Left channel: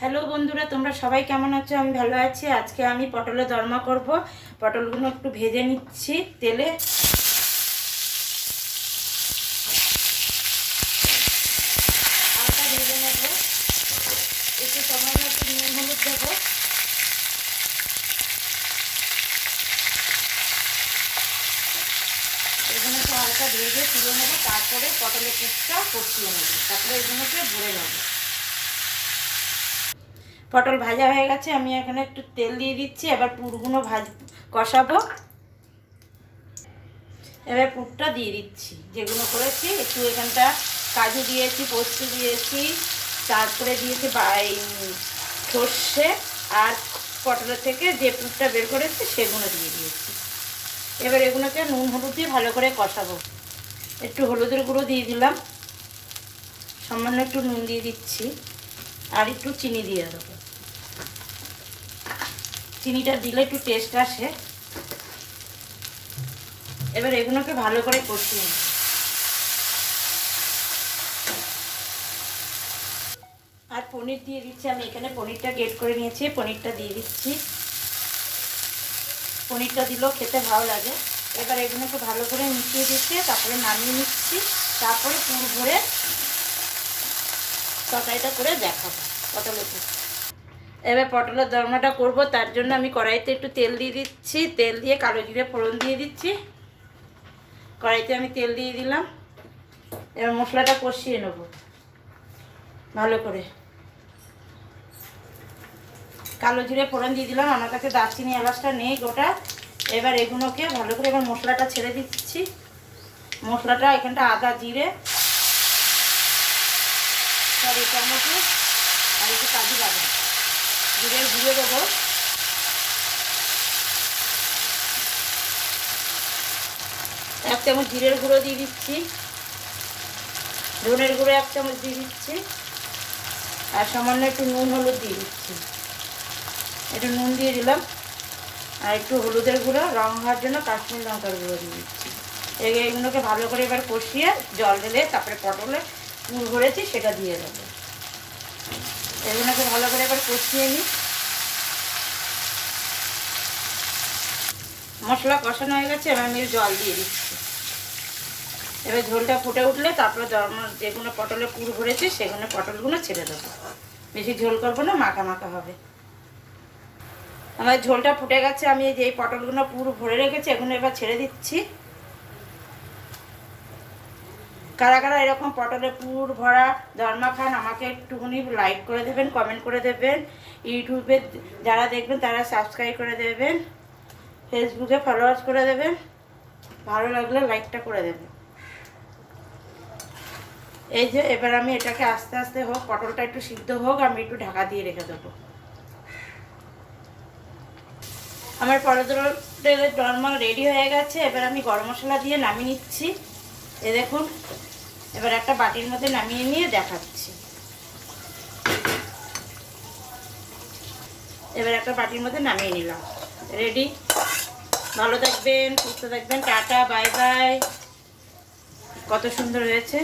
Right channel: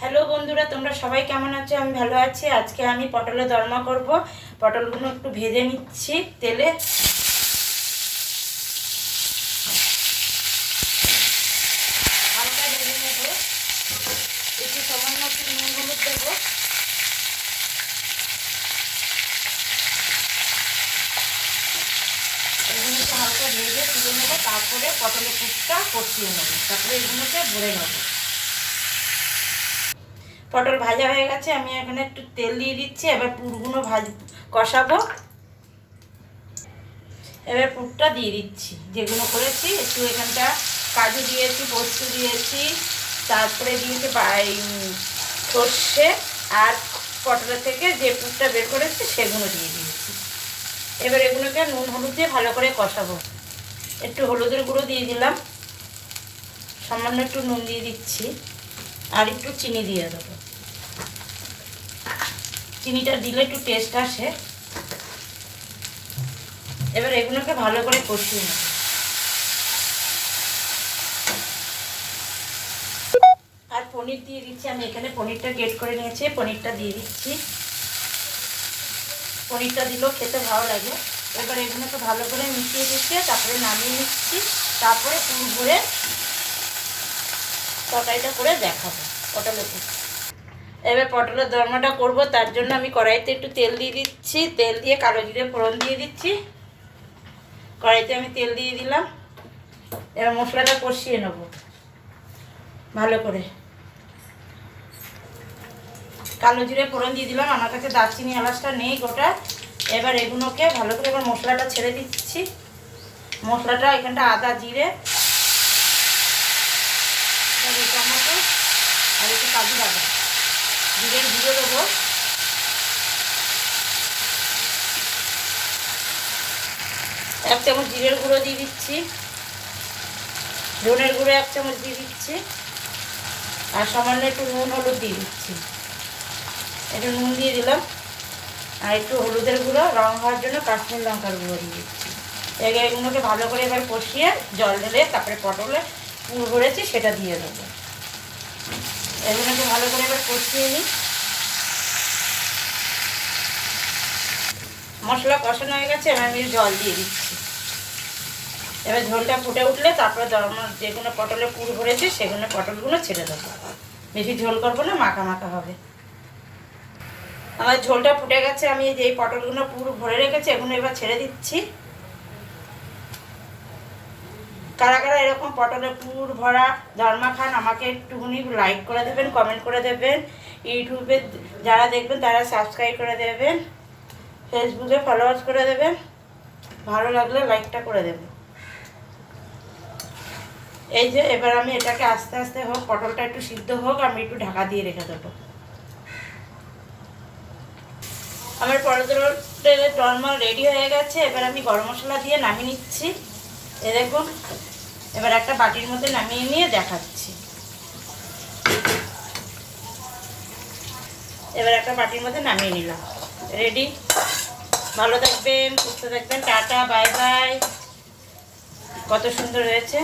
Hello বন্ধুরা, তোমরা সবাই কেমন আছো? আমি ভালো আছি। আজকে আমি পটলের দরমা করব। পটলগুলো একটু ভেজে নিচ্ছি তেলে। হালকা ভেজে একটু দেবো। এগুলোকে হালকা ভেজে তারপরে পটলের পুরটা কষিয়ে নেব। তারপরে এগুলোকে ভরে নেব। পটল ভাজা হয়ে গেছে, আমি এখানে একটু তেল দিয়ে দিচ্ছি, এবার পুরগুলো ভাজ, কষাবো। এবার পুরটা দিয়ে দিচ্ছি, যেগুলো করেছি, একটু এখানটা কাজু দিয়েছি, পোস্ত দিয়েছি, তারপরে দিয়েছি সর্ষে, আর পটলের থেকে যে পুরটা বের করেছি, সেগুলো দিয়ে দিয়েছি। এবার এগুলোকে নুন হলুদ দিয়ে ভালো করে কষাবো। একটু হলুদের গুঁড়ো দিয়ে দিলাম। সামান্য একটু নুন দিয়ে দিচ্ছি, আর একটু চিনি দিয়ে দেবো। চিনিটা দিলে একটু টেস্ট আসে। এবার এগুলোকে ভালো করে কষিয়ে। আর পনির দিয়ে দিচ্ছি, আমি এখানে পনিরটা গেট করে নিয়েছি, পনিরটা দিয়ে দিচ্ছি। পনিরটা দিলেও খেতে ভালো লাগে। এবার এগুলোকে ভালো করে মিশিয়ে দিচ্ছে তারপরে নামিয়ে নিচ্ছি। তারপরে পুর ভরে তরকারিটা করে দেখাবো। পটলের পুর এবার পটলের দরমাটা করব, তার জন্য আমি কড়াইতে একটু তেল দিয়ে দিচ্ছি, তেল দিয়ে কালো জিরে ফোড়ন দিয়ে দিচ্ছি। কড়াইতে আমি তেল দিয়ে দিলাম। এবার মশলাটা কষিয়ে নেব, ভালো করে। কালো জিরে ফোড়ন দিয়ে দিলাম, আমার কাছে দারচিনি এলাচটা নেই গোটা। এবার এগুলোকে ভালো করে এবার মশলাটা ছেড়ে দিচ্ছি। মশলাটা এখানটা আদা জিরে, আর এটা আর একটু কাজু বাদাম। জিরে গুঁড়ো দেবো। এক চামচ জিরের গুঁড়ো দিয়ে দিচ্ছি। ধনের গুঁড়ো এক চামচ দিয়ে দিচ্ছি। আর সামান্য একটু নুন, হলুদ দিয়ে দিচ্ছি। একটু নুন দিয়ে দিলাম। আর একটু হলুদের গুঁড়ো, রং হওয়ার জন্য কাশ্মীর লঙ্কার গুঁড়ো দিয়ে দিচ্ছি। এগুলোকে ভালো করে এবার কষিয়ে জল ঢেলে, তারপরে পটলে ভরেছি, সেটা দিয়ে দেবো। এগুলোকে ভালো করে এবার কষিয়ে নিই। মশলা কষানো হয়ে গেছে, এবার আমি জল দিয়ে দিচ্ছি। এবার ঝোলটা ফুটে উঠলে তারপরে দরমার যেগুলো পটলে পুর ভরেছে, সেগুলো পটলগুলো ছেড়ে দেবো। বেশি ঝোল করব না, মাখা মাখা হবে। আমার ঝোলটা ফুটে গেছে, আমি যে পটলগুলো পুরো ভরে রেখেছি, এগুলো এবার ছেড়ে দিচ্ছি। কারা কারা এরকম পটলের পুর ভরা ধর্মা খান, আমাকে একটুখানি লাইক করে দেবেন কমেন্ট করে দেবেন। ইউটিউবে যারা দেখবেন তারা সাবস্ক্রাইব করে দেবেন। ফেসবুকে ফলোয়ার্স করে দেবেন। ভালো লাগলে লাইকটা করে দেবেন। এই যে এবার আমি এটাকে আস্তে আস্তে হোক, পটলটা একটু সিদ্ধ হোক, আমি একটু ঢাকা দিয়ে রেখে দেবো। আমার পটলের ডরমা রেডি হয়ে গেছে, এবার আমি গরম মশলা দিয়ে নামিয়ে নিচ্ছি। এ দেখুন, এবার একটা বাটির মধ্যে নামিয়ে নিয়ে দেখাচ্ছি। এবার একটা বাটির মধ্যে নামিয়ে নিলাম। রেডি ভালো থাকবেন, সুস্থ থাকবেন, টাটা বাই বাই কত সুন্দর হয়েছে।